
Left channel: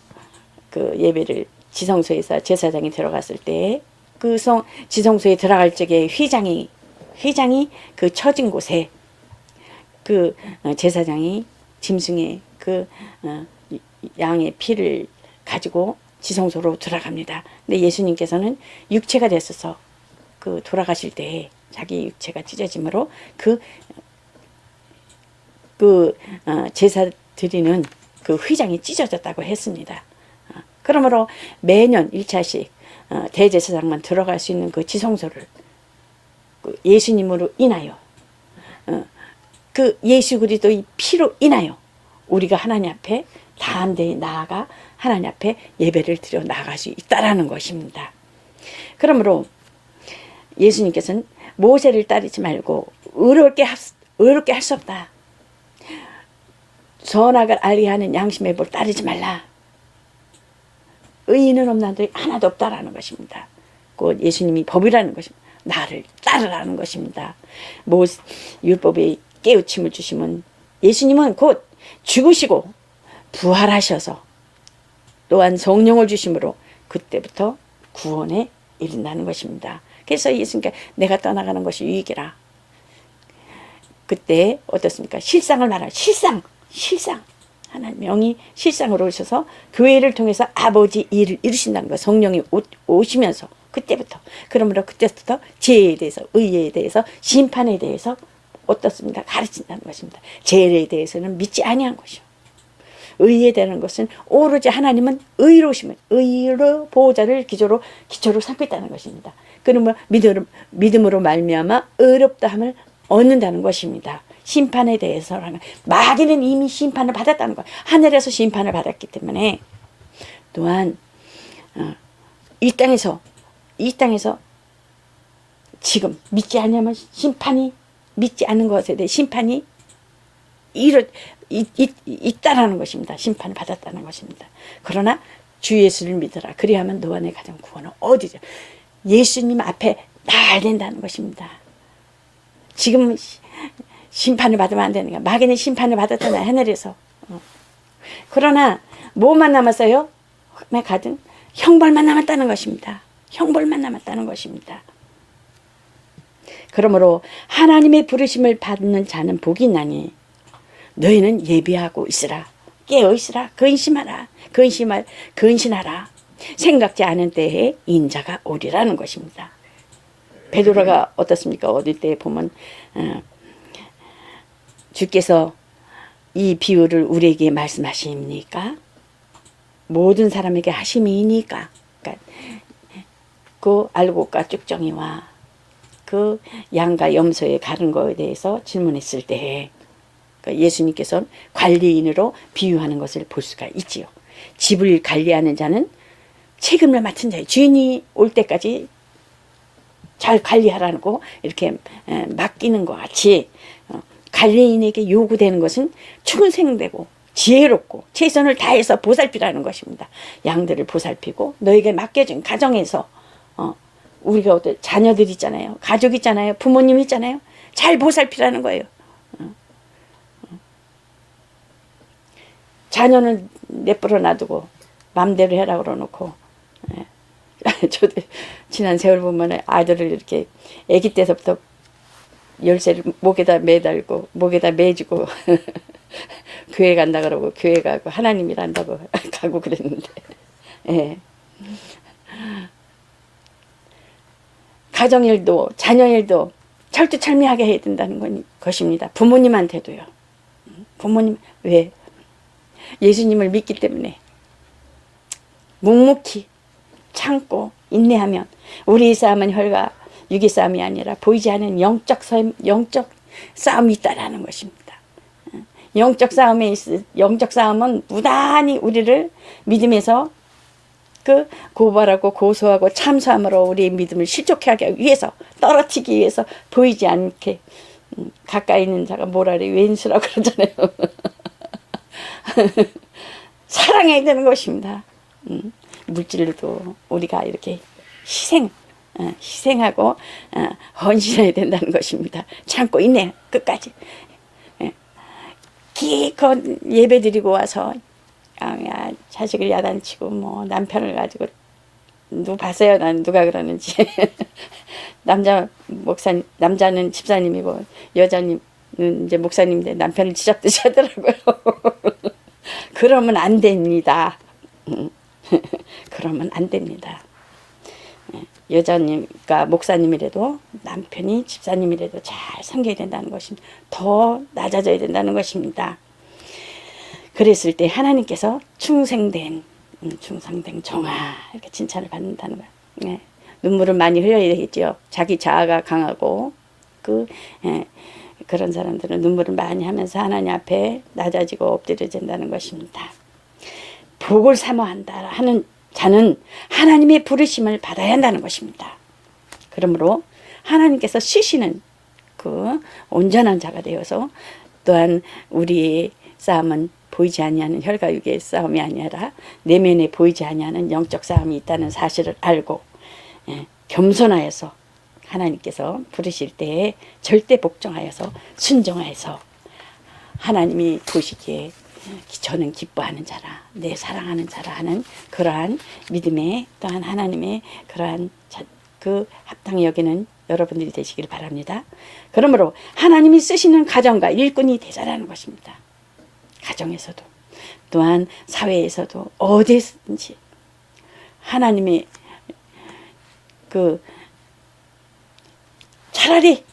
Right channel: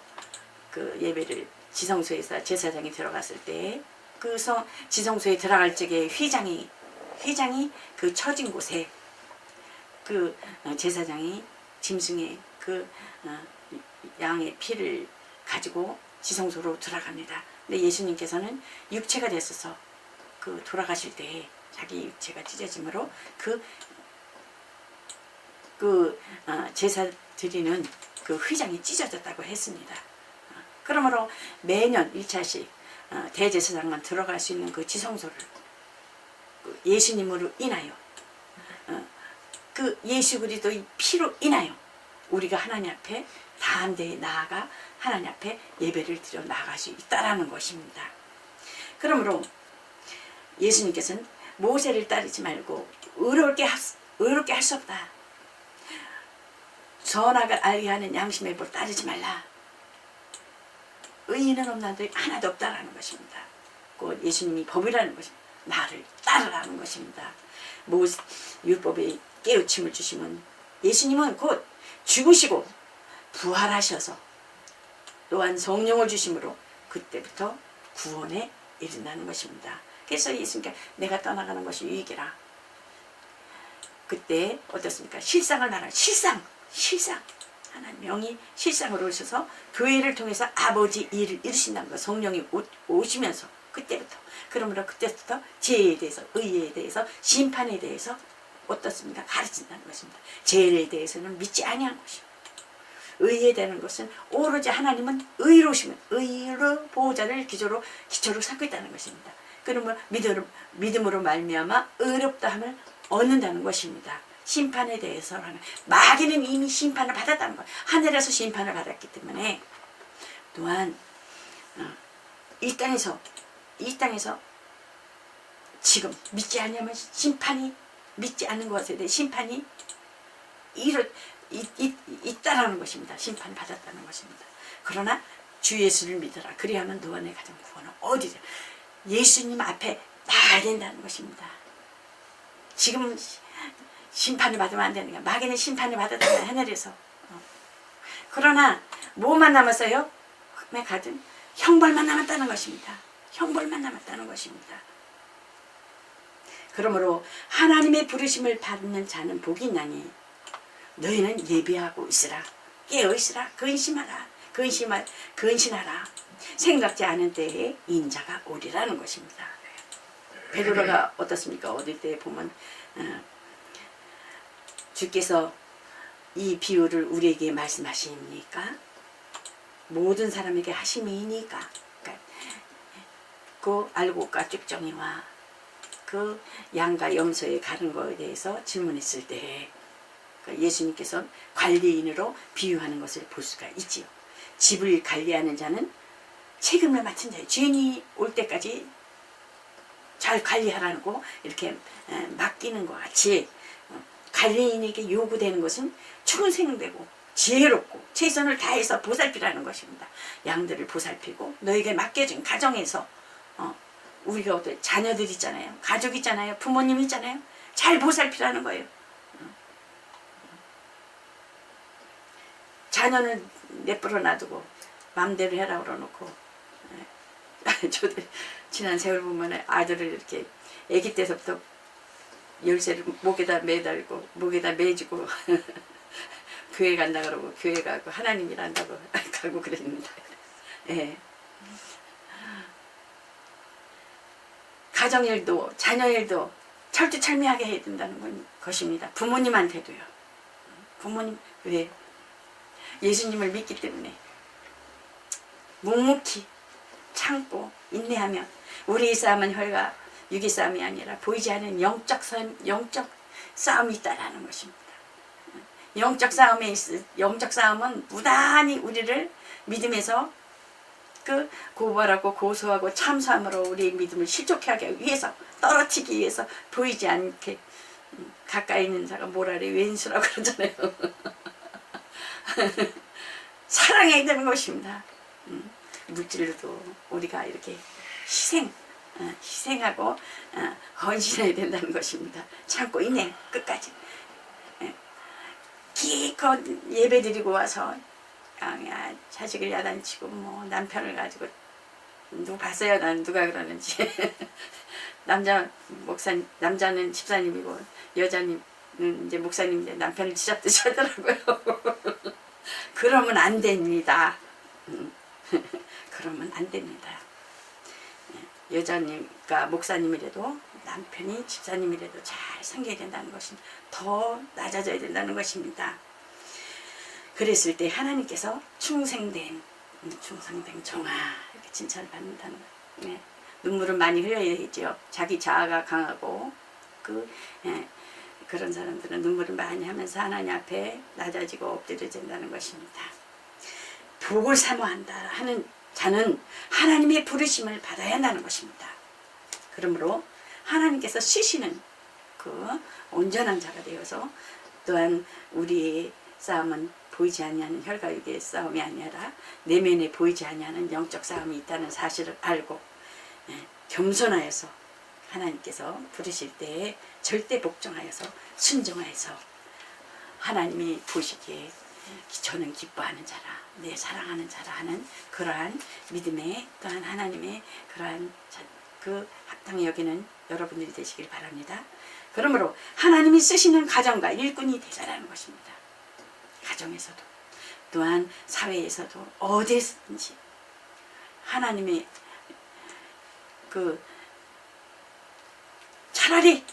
예배를, 지성소에서 제사장이 들어갔을 때 지성소에 들어갈 적에 휘장이 그 처진 곳에 제사장이 짐승의 양의 피를 가지고 지성소로 들어갑니다. 근데 예수님께서는 육체가 됐어서 돌아가실 때 자기 육체가 찢어짐으로 제사 드리는 휘장이 찢어졌다고 했습니다. 그러므로 매년 1차씩 대제사장만 들어갈 수 있는 지성소를 예수님으로 인하여, 예수 그리스도의 피로 인하여 우리가 하나님 앞에 담대히 나아가 하나님 앞에 예배를 드려 나아갈 수 있다라는 것입니다. 그러므로 예수님께서는 모세를 따르지 말고 의롭게 할 수 없다. 선악을 알게 하는 양심의 법을 따르지 말라. 의인은 없나도 하나도 없다라는 것입니다. 곧 예수님이 법이라는 것입니다. 나를 따르라는 것입니다. 율법에 깨우침을 주시면 예수님은 곧 죽으시고 부활하셔서 또한 성령을 주심으로 그때부터 구원에 이른다는 것입니다. 그래서 예수님께 내가 떠나가는 것이 유익이라. 그때 어떻습니까? 실상을 말하는 실상 하나님 명이 실상으로 오셔서 교회를 통해서 아버지 일을 이루신다는 것. 성령이 오시면서 그때부터, 그러므로 그때부터 죄에 대해서, 의에 대해서, 심판에 대해서 어떻습니까? 가르친다는 것입니다. 죄에 대해서는 믿지 아니한 것이요, 의에 대한 것은 오로지 하나님은 의로우시면 의로 보호자를 기초로 삼고 있다는 것입니다. 그러면 믿음으로 말미암아 의롭다함을 얻는다는 것입니다. 심판에 대해서라는, 마귀는 이미 심판을 받았다는 것, 하늘에서 심판을 받았기 때문에, 또한 이 땅에서 지금 믿지 않으면 믿지 않는 것에 대해 심판이 있다라는 것입니다. 심판을 받았다는 것입니다. 그러나 주 예수를 믿어라. 그리하면 너와 내 가정 구원은 어디죠? 예수님 앞에 나아야 된다는 것입니다. 지금 심판을 받으면 안 되는 거야. 마귀는 심판을 받았잖아요. 하늘에서. 그러나 뭐만 남았어요? 흑암에 가든 형벌만 남았다는 것입니다. 형벌만 남았다는 것입니다. 그러므로 하나님의 부르심을 받는 자는 복이 있나니 너희는 예비하고 있으라. 깨어 있으라. 근신하라. 생각지 않은 때에 인자가 오리라는 것입니다. 베드로가 어떻습니까? 어디 때 보면 주께서 이 비유를 우리에게 말씀하십니까? 모든 사람에게 하심이니까. 그러니까 그 알곡과 쭉정이와 그 양과 염소의 가른 거에 대해서 질문했을 때 그러니까 예수님께서 관리인으로 비유하는 것을 볼 수가 있지요. 집을 관리하는 자는 책임을 맡은 자예요. 주인이 올 때까지 잘 관리하라고 이렇게 맡기는 것 같이 관리인에게 요구되는 것은 충성되고 지혜롭고 최선을 다해서 보살피라는 것입니다. 양들을 보살피고 너에게 맡겨진 가정에서 우리가 어떤 자녀들 있잖아요. 가족 있잖아요. 부모님 있잖아요. 잘 보살피라는 거예요. 자녀는 내버려 놔두고 맘대로 해라 그러놓고 저도 지난 세월 보면 아들을 이렇게 아기 때서부터 열쇠를 목에다 매달고 목에다 매주고 교회 간다 그러고 교회 가고 하나님이라 한다고 가고 그랬는데 예. 가정일도 자녀일도 철두철미하게 해야 된다는 것입니다. 부모님한테도요. 부모님 왜? 예수님을 믿기 때문에 묵묵히 참고 인내하면 우리의 싸움은 혈과 육의 싸움이 아니라 보이지 않는 영적 싸움이 있다라는 것입니다. 영적 싸움은 무단히 우리를 믿음에서 그 고발하고 고소하고 참소함으로 우리의 믿음을 실족하게 하기 위해서 떨어뜨리기 위해서 보이지 않게 가까이 있는 자가 뭐라 그래 왼수라고 그러잖아요. 사랑해야 되는 것입니다. 물질로도 우리가 이렇게 희생하고 헌신해야 된다는 것입니다. 참고 있네 끝까지. 기껏 예배 드리고 와서 자식을 야단치고 뭐 남편을 가지고 누구 봤어요? 난 누가 그러는지. 남자는 집사님이고 여자는 이제 목사님인데 남편을 쥐잡듯이 하더라고요. 그러면 안 됩니다. 그러면 안 됩니다. 여자님과 목사님이라도 남편이 집사님이라도 잘 섬겨야 된다는 것입니다. 더 낮아져야 된다는 것입니다. 그랬을 때 하나님께서 충성된 정아 이렇게 칭찬을 받는다는 거예요. 예. 눈물을 많이 흘려야 되겠죠. 자기 자아가 강하고 그런 사람들은 눈물을 많이 하면서 하나님 앞에 낮아지고 엎드려진다는 것입니다. 복을 사모한다 하는 자는 하나님의 부르심을 받아야 한다는 것입니다. 그러므로 하나님께서 쓰시는 그 온전한 자가 되어서 또한 우리의 싸움은 보이지 아니하는 혈과 육의 싸움이 아니라 내면에 보이지 아니하는 영적 싸움이 있다는 사실을 알고 겸손하여서 하나님께서 부르실 때에 절대 복종하여서 순종하여서 하나님이 보시기에 저는 기뻐하는 자라 내 사랑하는 자라 하는 그러한 믿음의 또한 하나님의 그러한 그 합당히 여기는 여러분들이 되시길 바랍니다. 그러므로 하나님이 쓰시는 가정과 일꾼이 되자라는 것입니다. 가정에서도 또한 사회에서도 어디든지 하나님의 차라리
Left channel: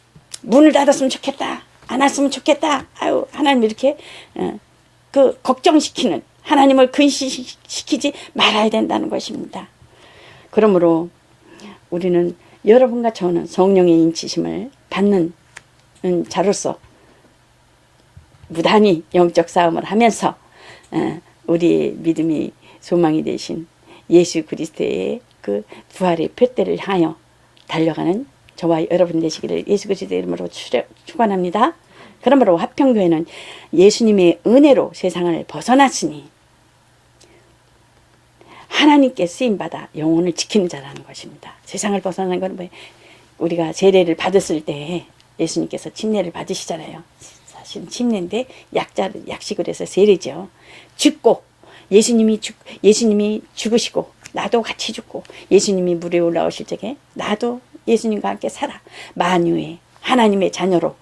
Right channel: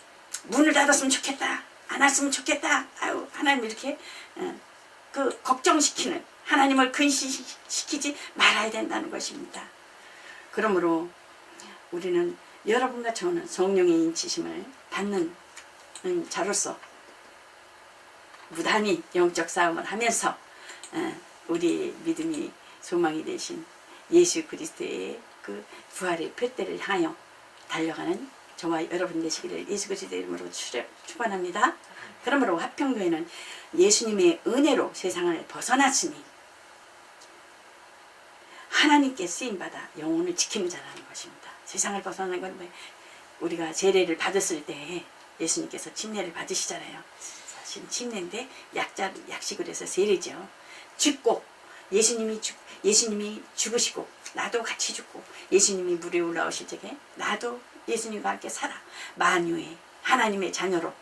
문을 닫았으면 좋겠다 안 했으면 좋겠다 아유 하나님 이렇게 걱정시키는 하나님을 근심시키지 말아야 된다는 것입니다. 그러므로 우리는 여러분과 저는 성령의 인치심을 받는 자로서 무단히 영적 싸움을 하면서 우리 믿음이 소망이 되신 예수 그리스도의 그 부활의 표대를 향하여 달려가는 저와 여러분 되시기를 예수 그리스도의 이름으로 축원합니다. 그러므로 화평교회는 예수님의 은혜로 세상을 벗어났으니 하나님께 쓰임받아 영혼을 지키는 자라는 것입니다. 세상을 벗어난 건 우리가 세례를 받았을 때 예수님께서 침례를 받으시잖아요. 사실 침례인데 약식을 해서 세례죠. 죽고 예수님이 죽으시고 나도 같이 죽고 예수님이 물에 올라오실 적에 나도 예수님과 함께 살아 만유의 하나님의 자녀로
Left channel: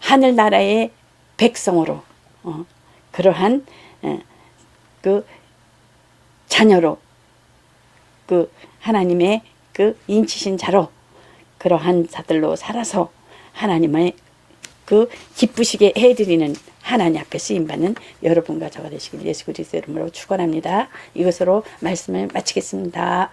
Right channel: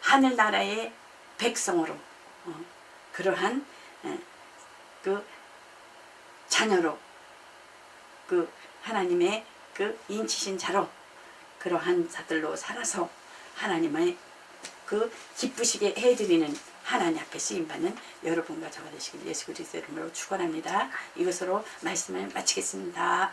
하늘나라의 백성으로 그러한 그 자녀로 그 하나님의 그 인치신 자로 그러한 자들로 살아서 하나님의 그 기쁘시게 해드리는 하나님 앞에 쓰임받는 여러분과 저가 되시길 예수 그리스도 이름으로 축원합니다. 이것으로 말씀을 마치겠습니다.